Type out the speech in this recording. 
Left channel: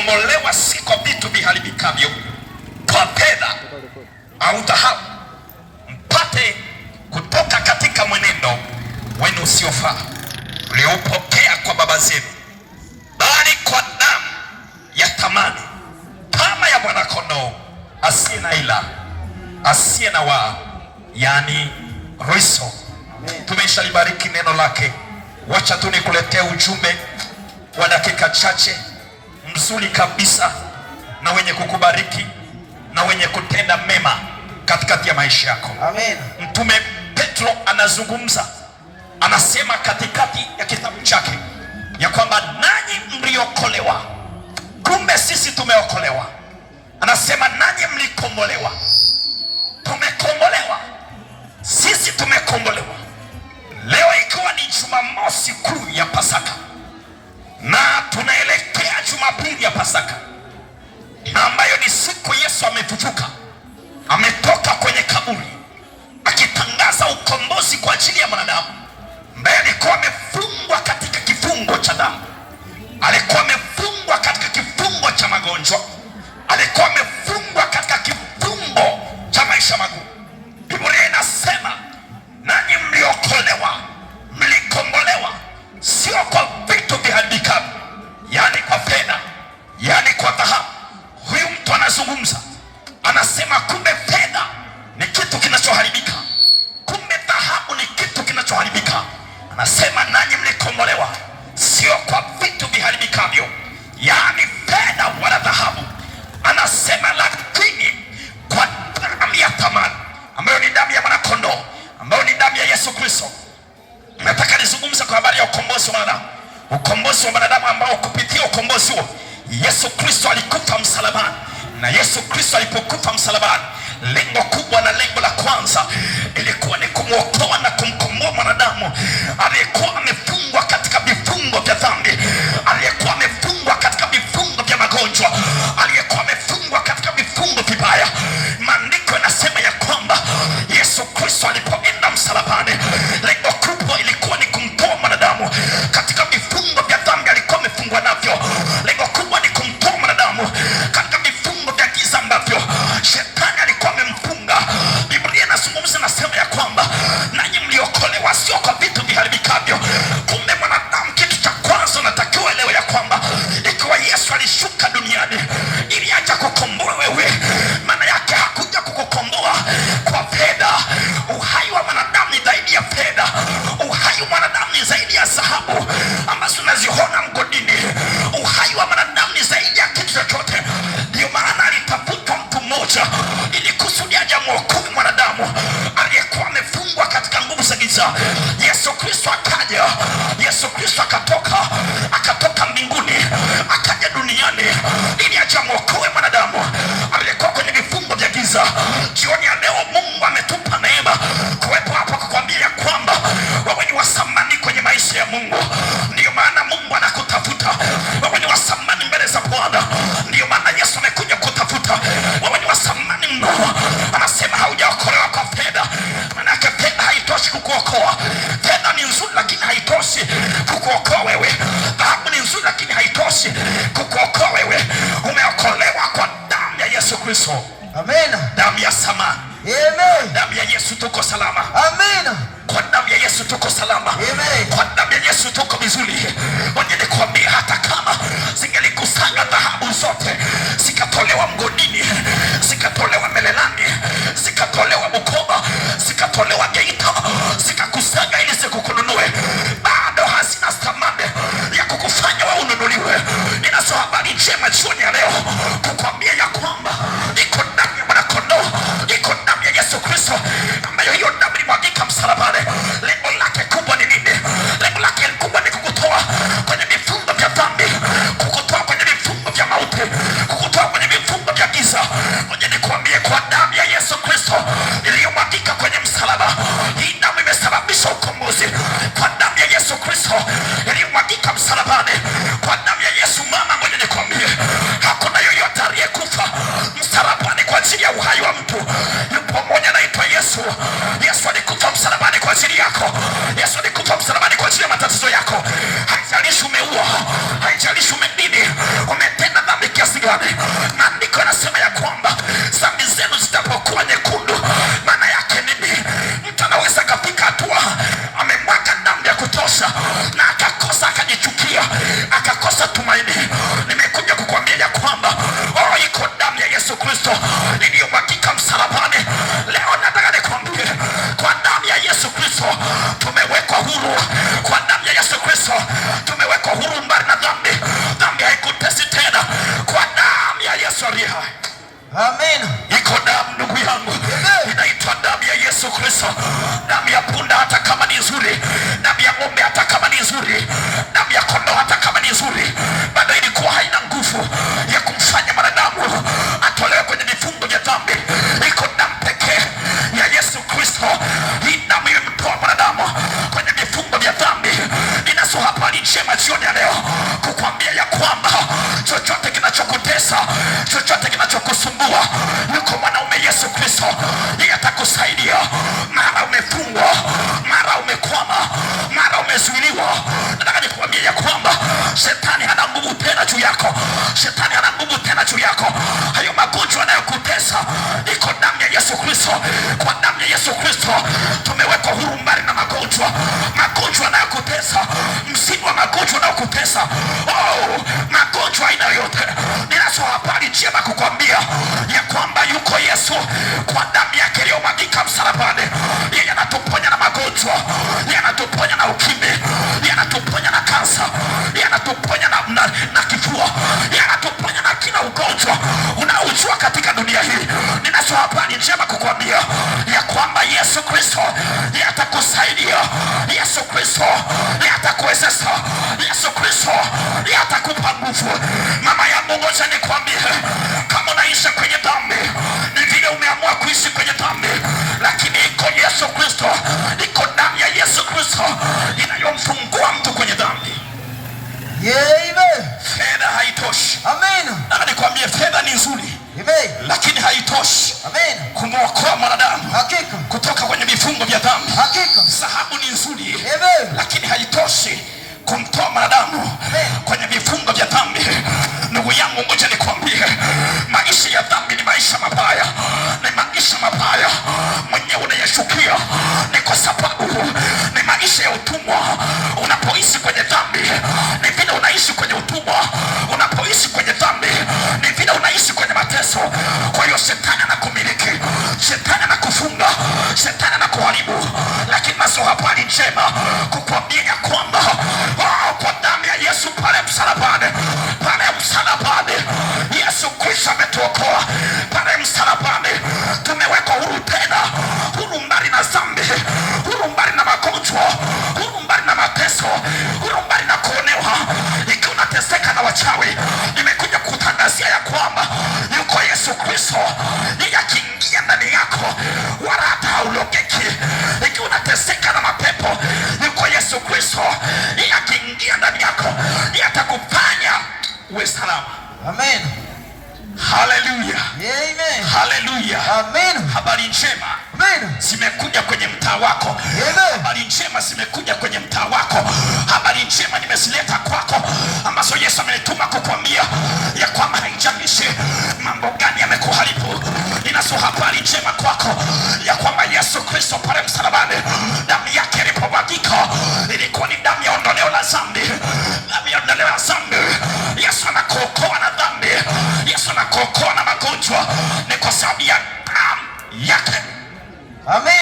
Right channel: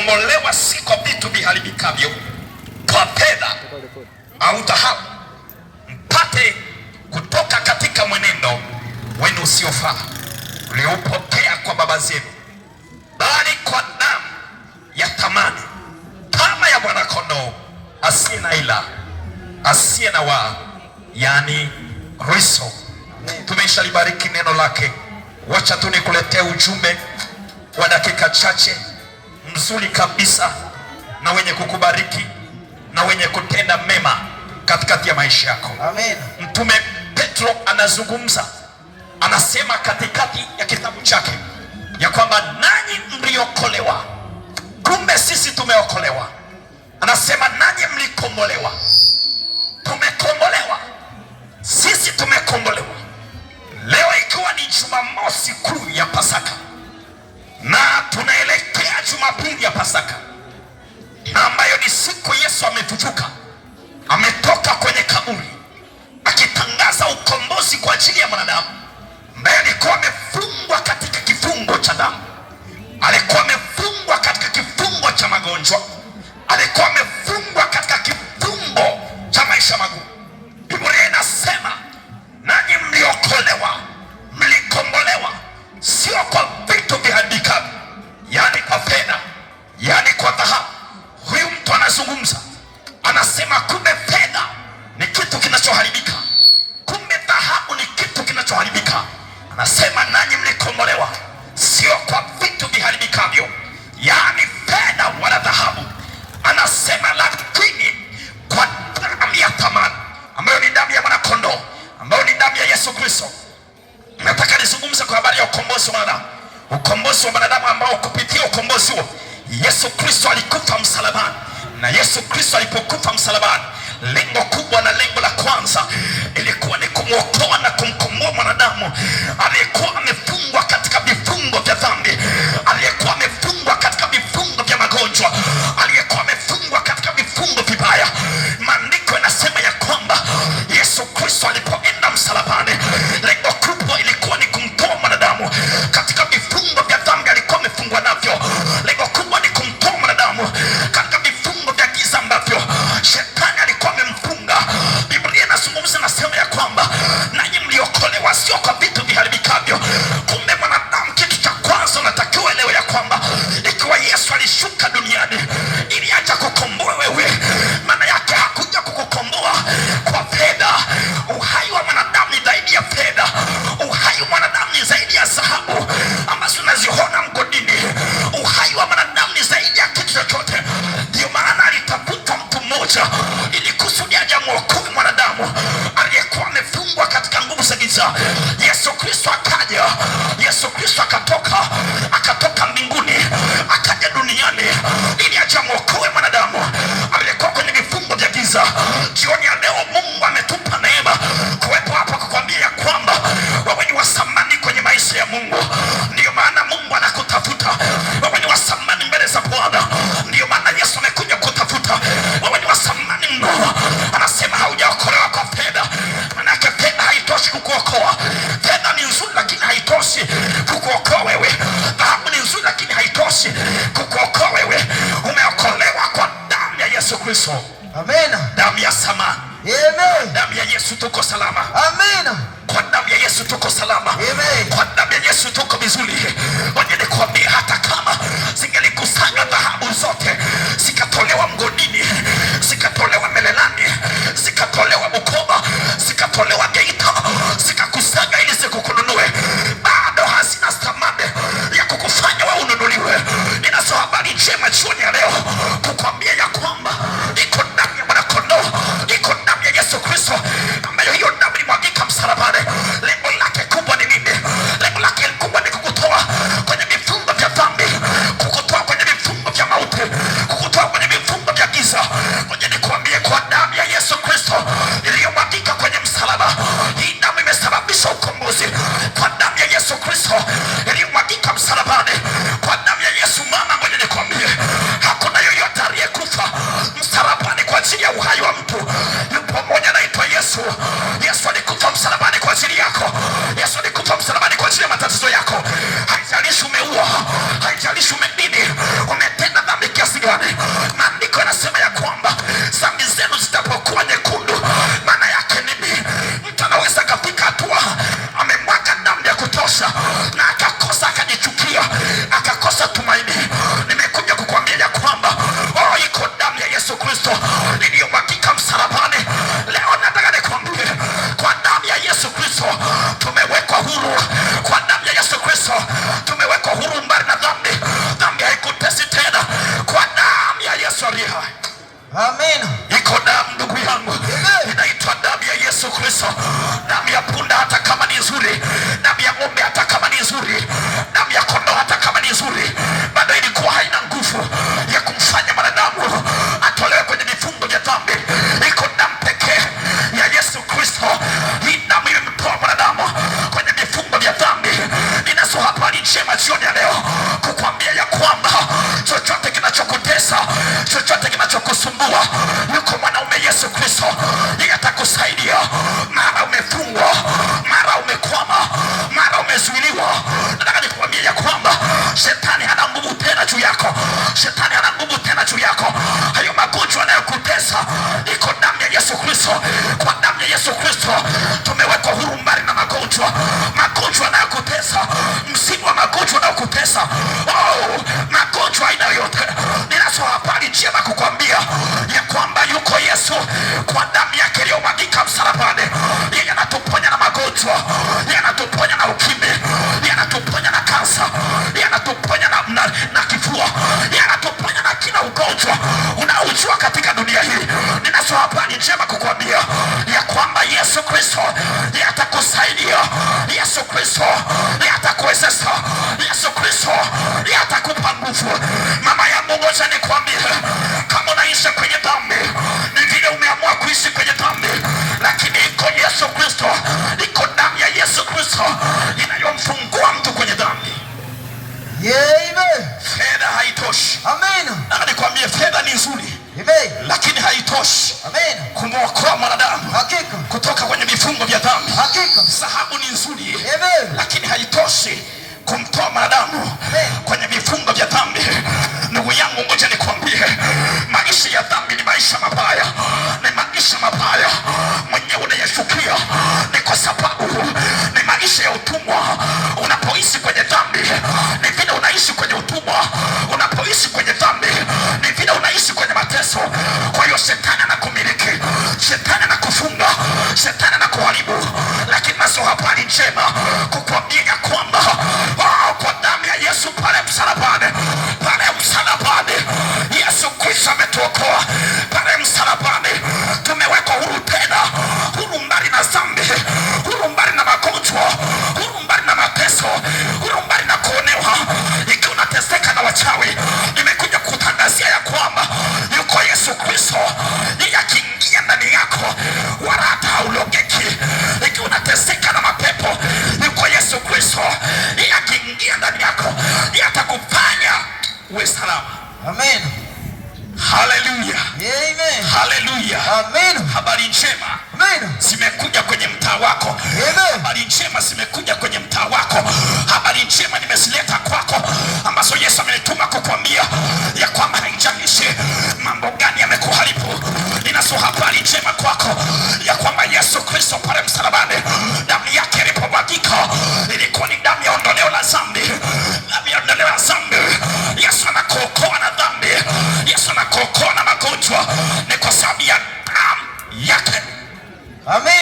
mlikombolewa si kwa vitu viharibikavyo, kwa fedha au dhahabu, mpate kutoka katika mwenendo wenu usiofaa uliopokea kwa baba zenu, bali kwa damu ya thamani kama ya mwana-kondoo asiye na ila, asiye na waa, yani Kristo. Tumeshalibariki neno lake. Wacha tu nikuletee ujumbe wa dakika chache mzuri kabisa na wenye kukubariki na wenye kutenda mema katikati ya maisha yako. Amen. Mtume Petro anazungumza, anasema katikati ya kitabu chake ya kwamba nanyi mliokolewa. Kumbe sisi tumeokolewa. Anasema nanyi mlikombolewa. Tumekombolewa. Sisi tumekombolewa. Leo ikiwa ni Jumamosi kuu ya Pasaka na tunaelekea Jumapili ya Pasaka, ambayo ni siku Yesu amefufuka, ametoka kwenye kaburi, akitangaza ukombozi kwa ajili ya mwanadamu ambaye alikuwa amefungwa katika kifungo cha dhambi, alikuwa amefungwa katika kifungo cha magonjwa, alikuwa amefungwa katika kifungo cha maisha magumu. Biblia inasema nanyi mliokolewa, mlikombolewa, sio kwa vitu viharibikavyo, yani kwa fedha, yani kwa dhahabu. Huyu mtu anazungumza, anasema kumbe fedha ni kitu kinachoharibika, kumbe dhahabu ni kitu kinachoharibika. Anasema nanyi mlikombolewa, sio kwa vitu viharibikavyo, yani fedha wala dhahabu. Anasema lakini kwa damu ya thamani, ambayo ni damu ya mwana-kondoo, ambayo ni damu ya Yesu Kristo. Nataka nizungumze kwa habari ya ukombozi wa mwanadamu, ukombozi wa mwanadamu ambao kupitia ukombozi huo Yesu Kristo alikufa msalabani. Na Yesu Kristo alipokufa msalabani, lengo kubwa na lengo la kwanza ilikuwa ni kumwokoa na kumkomboa mwanadamu aliyekuwa amefungwa katika vifungo vya dhambi, aliyekuwa amefungwa katika vifungo vya magonjwa, aliyekuwa amefungwa katika vifungo vibaya. Maandiko yanasema ya kwamba Yesu Kristo alipoenda msalabani, lengo kubwa ilikuwa ni kumtoa mwanadamu katika vifungo vya dhambi alikuwa amefungwa navyo. Lengo kubwa ni kumtoa mwanadamu katika vifungo vya giza ambavyo shetani alikuwa amemfunga. Biblia inazungumza, nasema ya kwamba nanyi mliokolewa, sio kwa vitu viharibikavyo. Kumbe mwanadamu, kitu cha kwanza natakiwa elewe ya kwamba ikiwa Yesu alishuka duniani ili aje kukomboa wewe, maana yake hakuja kukukomboa kwa fedha. Uhai wa mwanadamu ni zaidi ya fedha. Uhai wa mwanadamu ni zaidi ya dhahabu ambazo unaziona mgodini. Uhai wa mwanadamu ni zaidi ya kitu chochote. Ndio maana alitafuta mtu mmoja ili kusudi aje mwokoe mwanadamu aliyekuwa amefungwa katika nguvu za giza. Yesu Kristo akaja. Yesu Kristo akatoka mbinguni akaja duniani ili aje mwokoe mwanadamu aliyekuwa kwenye vifungo vya giza. Jioni ya leo Mungu ametupa neema kuwepo hapa kukwambia ya kwamba wewe ni wa thamani kwenye maisha ya Mungu. Ndio maana Mungu anakutafuta. Wewe ni wa thamani mbele za Bwana. Ndio maana Yesu amekuja kutafuta. Wewe ni wa thamani mno. Anasema haujaokolewa kwa fedha. Maana fedha haitoshi kukuokoa. Fedha ni nzuri lakini haitoshi kukuokoa wewe. Dhahabu ni nzuri lakini haitoshi kukuokoa wewe. Umeokolewa kwa damu ya Yesu Kristo. Amen. Damu ya thamani. Amen. Damu ya Yesu tuko salama. Amen. Kwa damu ya Yesu tuko salama. Amen. Kwa damu ya Yesu tuko vizuri. Ngoja nikwambie, hata kama zingelikusanya dhahabu zote zikatolewa mgodini, zikatolewa Melelani, zikatolewa Bukoba, zikatolewa Geita, zikakusanya ili zikukununue, bado hazina thamani ya kukufanya wewe ununuliwe. Ninazo habari njema jioni ya leo kukwambia ya kwamba iko damu ya mwana-kondoo, iko kutosha, na akakosa, akajichukia, akakosa tumaini. Nimekuja kukuambia ya kwamba iko damu ya Yesu Kristo iliyomwagika msalabani. Leo nataka nikwambie, kwa damu ya Yesu Kristo tumewekwa huru. Kwa damu ya Yesu Kristo tumewekwa huru mbali na dhambi. Dhambi haikutesi tena kwa damu ya Yesu aliye hai. Amen. Iko damu ndugu yangu, inaitwa damu ya Yesu Kristo. Damu ya punda hata kama ni nzuri, damu ya ng'ombe hata kama ni nzuri, damu ya kondoo hata kama ni nzuri, bado ilikuwa haina nguvu ya kumfanya mwanadamu atolewe kwenye vifungo vya dhambi. Iko damu pekee ya Yesu Kristo. Hii damu imemtoa mwanadamu kwenye vifungo vya dhambi. Ninaso habari njema jioni ya leo kukwambia ya kwamba chochote kinachokutesa, chochote kinachokusumbua, yuko mwanaume Yesu Kristo, yeye atakusaidia. Mara umefungwa, mara umekwama, mara umezuiliwa, nataka nikwambie ya kwamba shetani hana nguvu tena juu yako. Shetani hana nguvu tena juu yako. Hayo magonjwa yanayokutesa, iko damu ya Yesu Kristo. Kwa damu ya Yesu Kristo tumewekwa huru mbali na magonjwa. Magonjwa yanayokutesa, msimu wa magonjwa yanayokutesa, magonjwa aina yote, ninaso habari njema kukwambia ya kwamba yuko Yesu. Kwa damu yake iliyomwagika msalabani, yeye anatuponya na magonjwa, yeye anatuponya na ukimwi, yeye anatuponya na kansa, yeye anatuponya na kifua, yeye anatuponya na kila ugonjwa unaojua katika dunia hii. Ninaso habari njema kukwambia ya kwamba Yesu Kristo yeye atakusaidia. Yesu Kristo yeye atakuwezesha. Yesu Kristo yeye atakupa nguvu. Mama yangu, ngoja nikwambie, kama unaishi kwenye dhambi, ni vile umeamua kuishi kwenye dhambi, lakini iko Yesu Kristo, iko damu ya Yesu Kristo inayomfungua mtu kwenye dhambi. Amen. Fedha haitoshi. Amen. Na nikwambie, fedha ni nzuri, amen, lakini haitoshi, amen, kumwokoa mwanadamu hakika kutoka kwenye vifungo vya dhambi. Hakika. Dhahabu ni nzuri, amen, lakini haitoshi kumtoa mwanadamu kwenye vifungo vya dhambi. Ndugu yangu, ngoja nikwambie, maisha ya dhambi ni maisha mabaya, ni maisha mabaya mwenyewe unayashukia. Ni kwa sababu ni maisha ya utumwa. Unapoishi kwenye dhambi, ni vile unaishi kwenye utumwa. Unapoishi kwenye dhambi, ni vile unaishi kwenye mateso. Kwa hiyo shetani anakumiliki, shetani anakufunga, shetani anakuharibu. Lakini naso habari njema kukwambia ya kwamba kwa damu ya Yesu pale msalabani, pale msalabani Yesu Kristo ametuokoa. Pale msalabani tumewekwa huru tena, huru mbali na dhambi, huru mbali na magonjwa, huru mbali na mateso, huru mbali na kuonewa. Ikiwa unateseka na wachawi, nimekuja kutangazia ya kwamba yuko Yesu Kristo, yeye akiingia ndani yako wala hata haulogeki. Ikiwa unateseka na mapepo, yuko Yesu Kristo, yeye akiingia ndani yako, yeye atakufanya uwe salama. Amen. Haleluya. Amen. Haleluya. Amen. Habari njema, amen, zimekuja kwenye mtaa wako. Amen. Habari njema zimekuja kwenye mtaa wako. Habari njema nimezileta kwako, ambazo Yesu amenituma kukwambia ya kwamba haijalishi mambo gani yamekuharibu. Ninazo habari njema kwako ya kwamba Yesu Kristo pale msalabani, damu yake ilipomwagika, ilikuwa ni damu ya ondoleo la dhambi. Damu ya ondoleo la dhambi. Yesu anakuokoa na dhambi. Yesu anakuokoa na magonjwa, ni kwa sababu ya damu yake. Amen.